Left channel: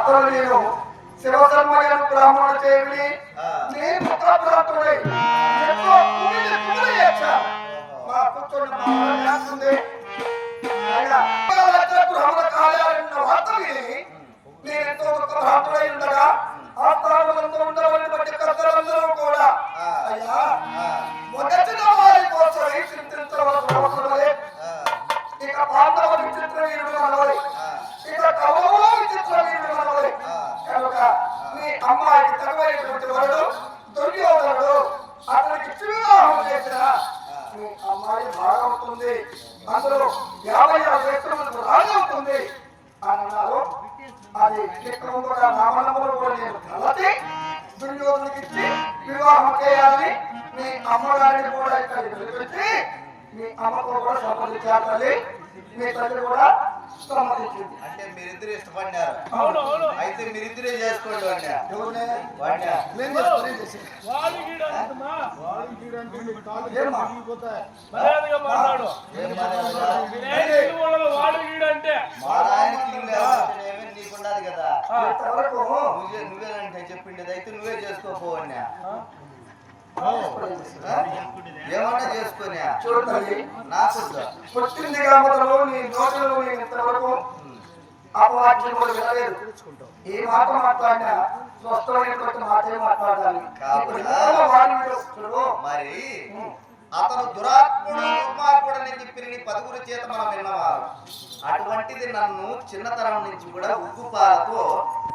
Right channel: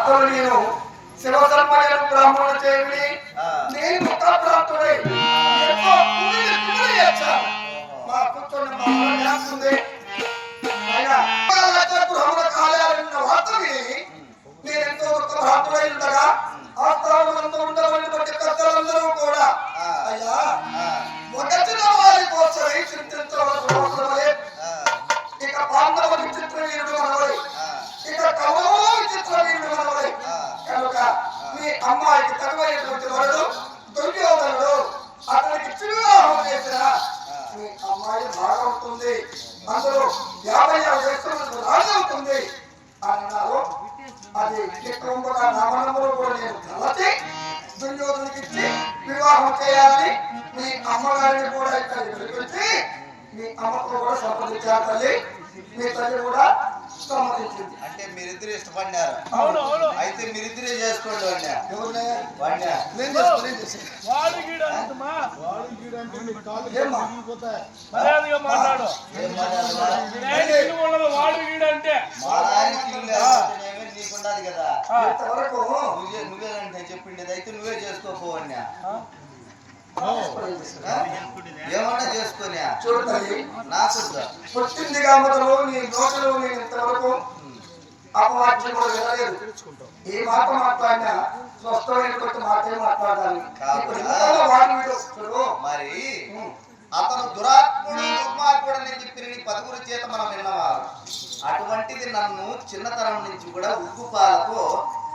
అతను నేను శివశర్మయ్యను బ్రాహ్మణుడు చేవిని ఆ. నేను ముఖాప్రాంతుడే ఎక్కువ కుమిలి కుమిలి చేశాను. మా కూర్చొని మా డ్యాన్స్ ఉంది అయినా గృహముల కార్యాలయం వార్త విని నేనెంతో దుఃఖ భ్రాంతుడై ఉండగా ఆస్థానమందు ఉండవలని బట్టి ఉంది అందులో యాభై ఆరు దేశములకు రాజవుతుంది అన్నారు అది ఎక్కువగా నామనంబరు కూడా నేను తలచి దుర్యోధనకి ఇచ్చి వివాహం చేయాలని మీ అమ్మగారిని కూడా ఇక్కడ పిలిపించి మీ అమ్మతో కూడా సంప్రదించాలి తల్లి. మీ తల్లి కూడా అంటే మీరిద్దరు ఇష్టపడినారు. అవును అవును. అయితే మీరిద్దరే చేసుకోండి వాడినా మా ఇల్లు లేకపోతేనేమీ కదా. నువ్వే నువ్వేనంటే చెప్పిండేది అయితే నువ్వే చేసుకోపోవన్నా ఆ, ఏమన్నా చేసుకోనా? చూడు తల్లి నాకొద్దు పుట్టిందిగా మొదలు నీ నోటిలో నేను ఇంతవరకు అపవాక్యం కూడా వినలేదు మాట మాట్లాడినా మాటే మాట్లాడాలి. మరి అతను దురాత్ముడు దుర్మార్గుడు అని చెప్పి నీ పదుగురు చేత మనం విన్నవారు. అటువంటిది నన్ను చిన్నతనం నుంచి కూడా ఉగ్గుపాలతో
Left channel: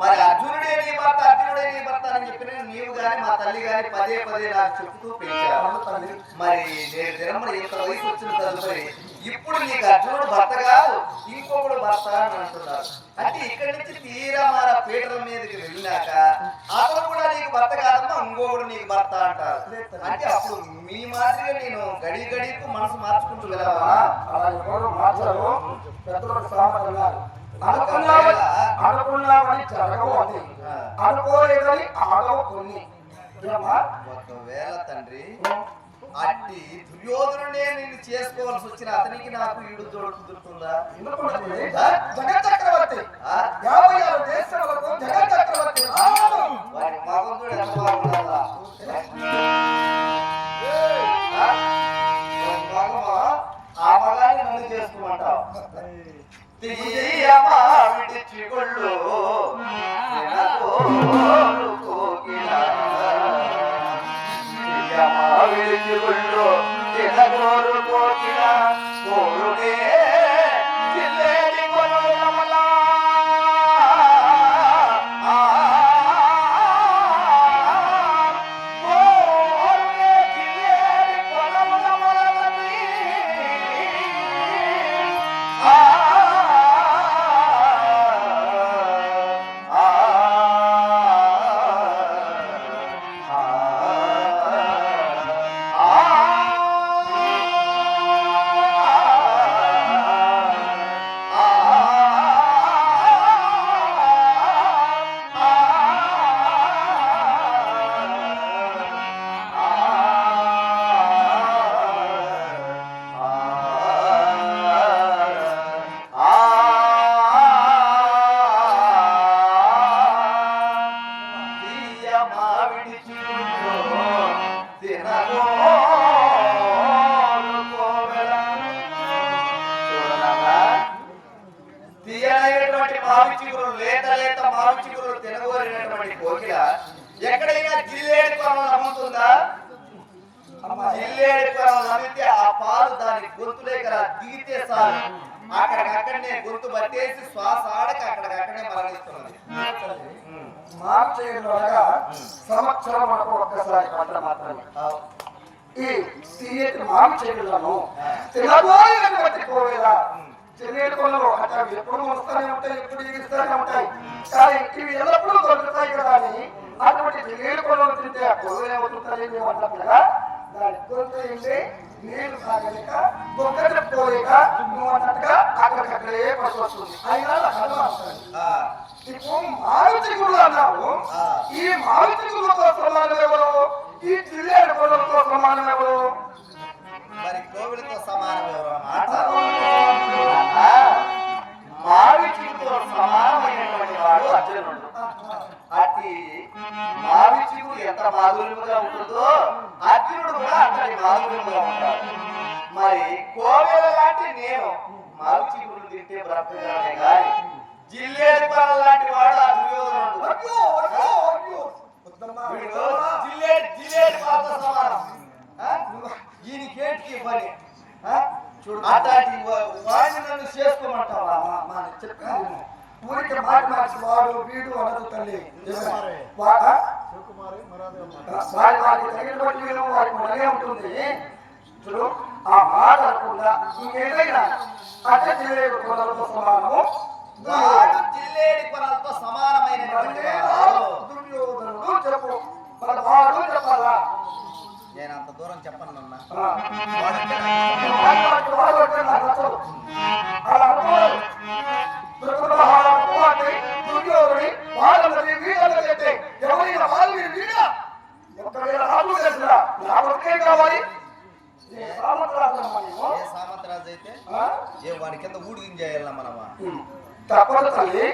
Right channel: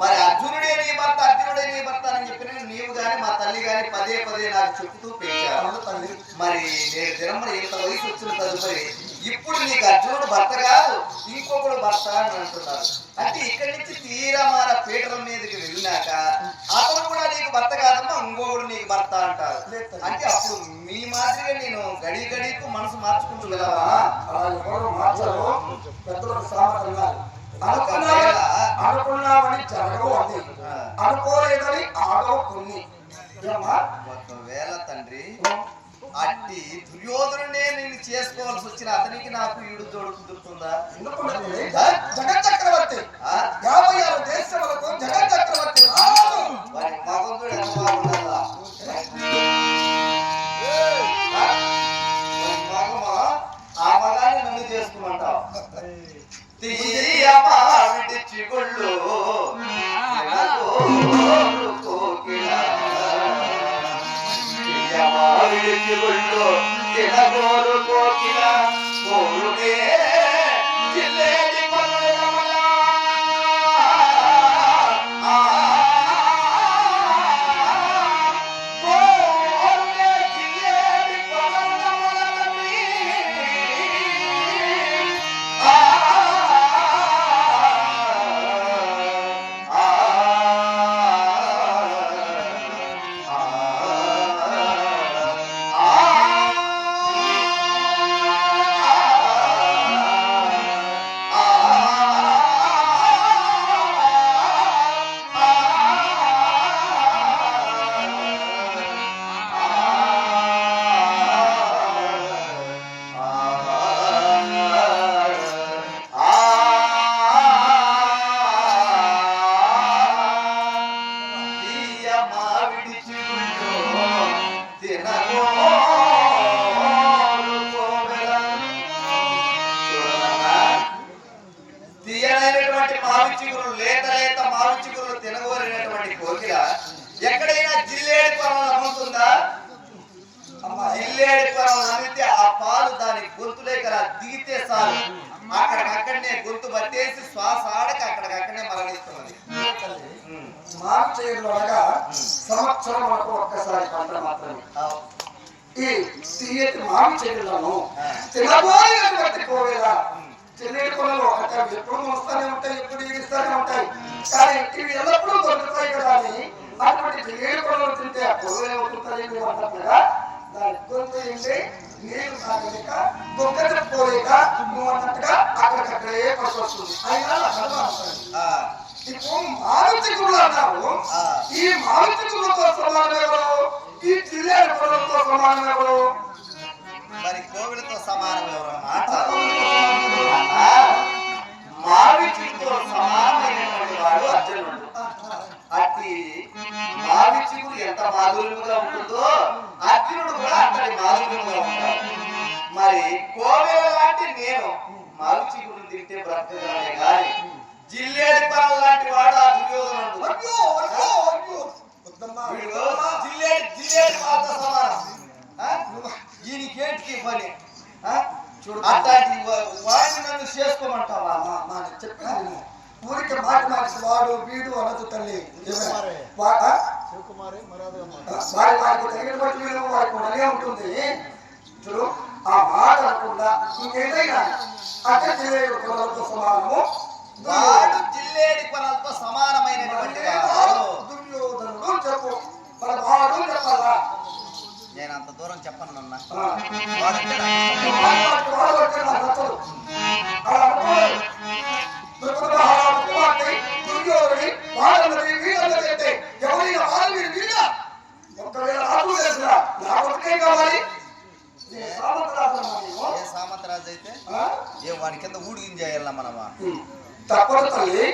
మరి అర్జునుడే నీ భర్త అర్జునుడే నీ భర్త అని చెప్పి నీవు గాని మా తల్లి గాని పదే పదే నాకు చెప్తూ పెంచారు అవును తల్లి. మరి నేడు దినమున ఇంత వయసు వచ్చిన తదుపరి ఇప్పుడు నీకు అర్జునుడు భర్త కాదు ఇంకొకడు భర్త అని అంటున్నారు. అంటే ఇక్కడి నుంచి తీరమార పీటల మీదకి వెళ్ళినాక అతను కూడా నీకు భర్త కాదమ్మా ఇంకొకడు నీకు భర్త అంటారు. అంటే అప్పుడు మీ మాదిరిగా నేను గడి గడికు మనసు మార్చుకుంటూ వెళ్ళవా పెద్దలకు సామర్థ్యం అనుకున్నామని జరగవు అని అనుకోలేదని ఆగవు కొన్ని? ఒకవేళ తండ్రి అట్టి దుర్యోధనుడే నేను చేసుకోవాల్సి వచ్చిన అతనికి నాకు ఈడు జోడు కుదురుతుందా? జగత్ చక్రవర్తి? యాభై ఆరు దేశములకు జగత్ చక్రవర్తి తీయమా విడిచి కొళ్ళు తినగోరు కోకిల. కోరునే కోవెల. చూడరా? తీయనైనటువంటి మావి చిగురు లేత లేత మావి చిగురు తినగోరినటువంటి కోకిల ఎక్కడైనా జిల్లేడి పొలం నమ్ముతుందా జిల్లేడి పొలం నమ్మితే ఆ పాలు దాని గొంతులే గల దిగితే చాలు అక్కడికక్కడనే గొంతు పట్టేసి శ్వాస ఆడక అక్కడికక్కడనే మరణిస్తున్నది ఉమ్. మారు చేయడంలో అనగా సంవత్సరం వరకు ఒక్కసారి పంట మాత్రమే. ఈ తీయటి మావి చెడులను తినబోయినటువంటి కోవెల చెల్లేడు కొనలు అవి ఎప్పుడు వస్తూనే ఉంటాయి ఎప్పుడు ఇరిస్తూనే ఉంటాయి. కానీ ఇవి ఎల్లప్పుడూ దొరుకుతాయి కదా అని అటువంటి చెల్లేడు కొనలు తింటే ఆ కోవెల అవుతుందని అన్నట్టుగా దాని గొంతు ఏంటి? నీళ్ళు తాగలేక దొంగ చెప్పుకోలేక నువ్వు అన్నట్టుగా అక్కడికక్కడే పడుతూ వస్తుంది అయినా ఇప్పుడు ఆ. ఈ మారుతి గురులతో సమానం ఎవరు ఈ గురులతో సమానం ఎవరు మరి కోవిలతో సమానం ఎవరు మాట సమానమైనటువంటి వాడు అర్జునుడు. అట్టి ఎంత మాధుర్యముగా ఉంటుందో అర్జునుడు కూడా అంతటి మాధుర్యముగా ఉంటాడు. మరి కోవెల లాంటి నేను మావి చిగురు తింటే బ్రతకగలనే గాని జిల్లేడి పరం లాంటి వాడు ఆ దుర్యోధనుడు. అయ్యో అయ్యో అయ్యో. వీడు జిల్లేడి జిల్లేడి పాలతో సమానం? ఈయనకేంటికి పని? చూడు. అట్లాంటి వా- వాడిని నన్ను చేసుకోమంటావా? మా విను. ఊరికే మాటి మాటికి వాడు వీడు అనదు తల్లి. వారి వారికి తగిన బట్టి వారికి ఉండనే ఉంటుంది. చూడు ఆ మాట అనకుండా ఇంకేదైనా అంటే తెలియదు సమానము. వాడు జిల్లేడి కొనలతో సమానమైనటువంటి వాడు దుర్యోధనుడు చెప్పు మన వాడు చెప్పాలా నేను అంత దూరం చెప్పను నాన్న. ఎవరైనా ఒకవేళ నాకు కావాలి ఏ సామంతరాజు అయితే? ఏ వాడి కింద ఊడిగించేయాలన్నా మనమా? తప్పదు తల్లి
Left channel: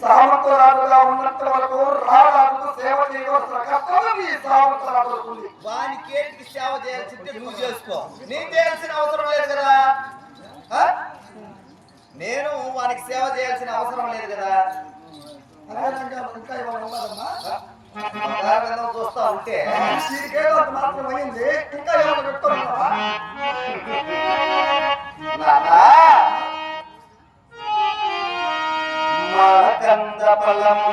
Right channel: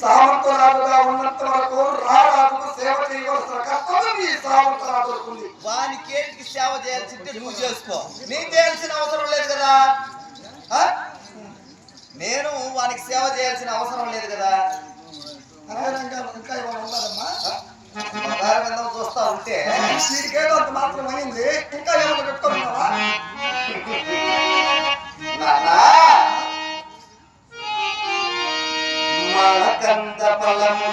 సామంతరాజుగా ఉన్నంత వరకు రారాజుకు సేవ చేయవలసిన కర్తవ్యం ఈ సామంతరాజులకు ఉంది వాని కేటికి సేవ చేయాల్సింటే నువ్వు చేసుకో. నేను చేయాల్సిన అవసరం లేదు కదా? నేను వానికి సేవ చేయాల్సిన అవసరం లేదు కదా? అనగనంగా ఇంకా ఏమైనా ఉన్నదమ్మా? బంగారు చూస్తా ఉంటే వీడికేదో అంత మాత్రం అయింది ఇంకా ఏమైనా పెట్టుకుంటున్నావా falar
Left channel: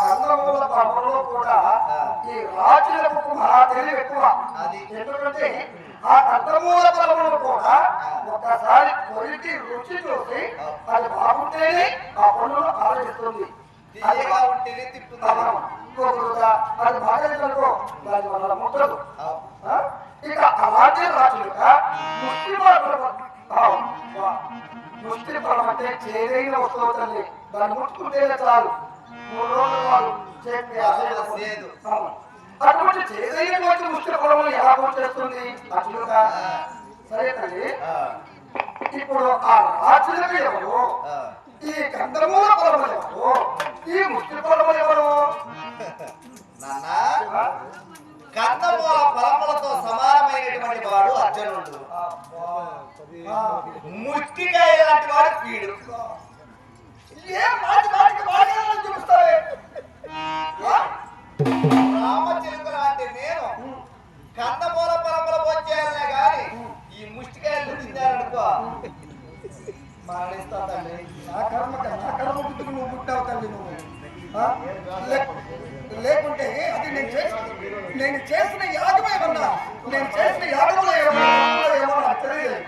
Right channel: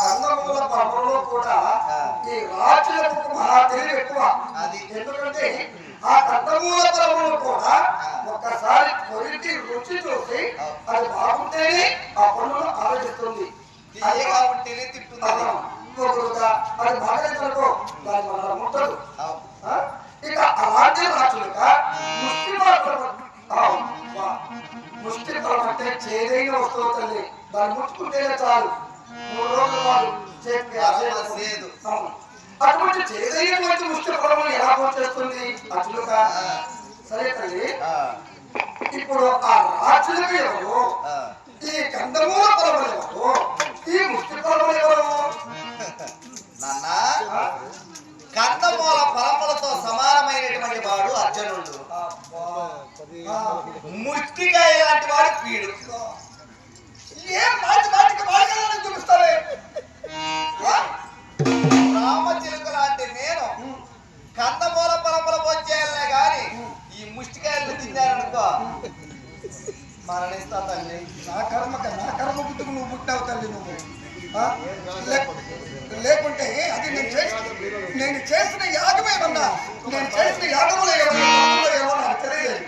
కందమూల పర్వంలో కూడా. ఈ రాజులకు మహా తెలివి ఎక్కువ అది. ఎందుకంటే ఆ కందమూల పర్వంలో కూడా. ఒక్కసారి కొరికి రుచి చూసి. అది బాగుంటేనే ఆ పనులు ఆలోచిస్తుంది తింటుంది అది బాగలేదనుకో దాని వల్ల ముట్టదు ఇప్పుడు ఆ రాజులకు ఎవరు. ఈ కందమూల పొలములు ఎవరు ఈ ముష్టి పొలములు ఎవరు నాన్న? కందమూల ఫలములతో సమానమైనటువంటి వాడు అర్జునుడు. ముష్టికాయ లాంటి వాడు వీడు మరణిస్తా తల్లి. నా కర్మక నా కర్మ బుద్ధుకు నువ్వు పుట్టావు తల్లి నువ్వు. లేకుంటే అది నేను చేసి నేను చేసిన యాగం ఏమన్నా? నేను చేసిన యాగములో ఏమన్నా ఏమో నాకు తెలియదు.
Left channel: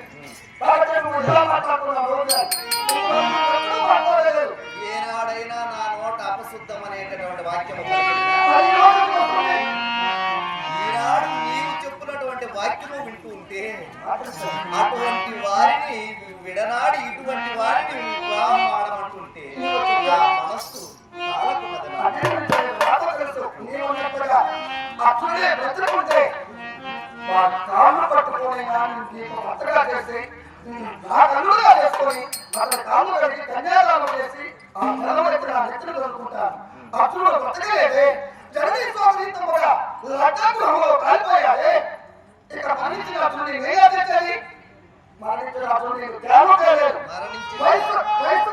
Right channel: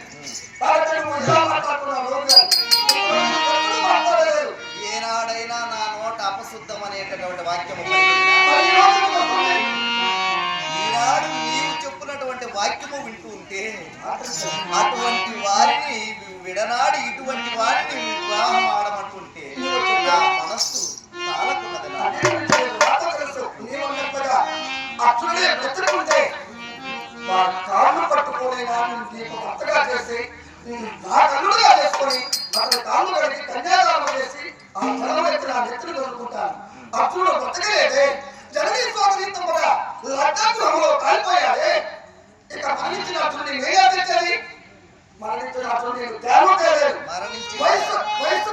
ఏనాడైనా నా నోట అపశుద్ధం అనేటటువంటి వాక్యము వాక్యము వింటూ ఉంటే అటువంటి వారిని విడనాడి ఇటువంటి వారిని వివాహం ఆడమంటుంటే నా మనస్సు చాలకున్నది అట్లనే తెలుసు బ్రతుకుంటే మా కాళ్ళు పట్టుకొని నాకు నీకు భర్తగా చేసి నా కన్నుడుగా చేసుకొని అతని కాళ్ళు కడిగి కన్యాదానం చేసి ఆ జనం ఎత్తి నా నెత్తిని దొరుకుంటాను అప్పుడు బ్రతకలేదే. జననీ సోదరి తమ్ముగా లగ్నగృహంలో కాలిపోయాలే ఇక్కడ మరణించినప్పుడు నేను ఏం ఆచరించాలి మరణించినప్పుడు వయసు వయసు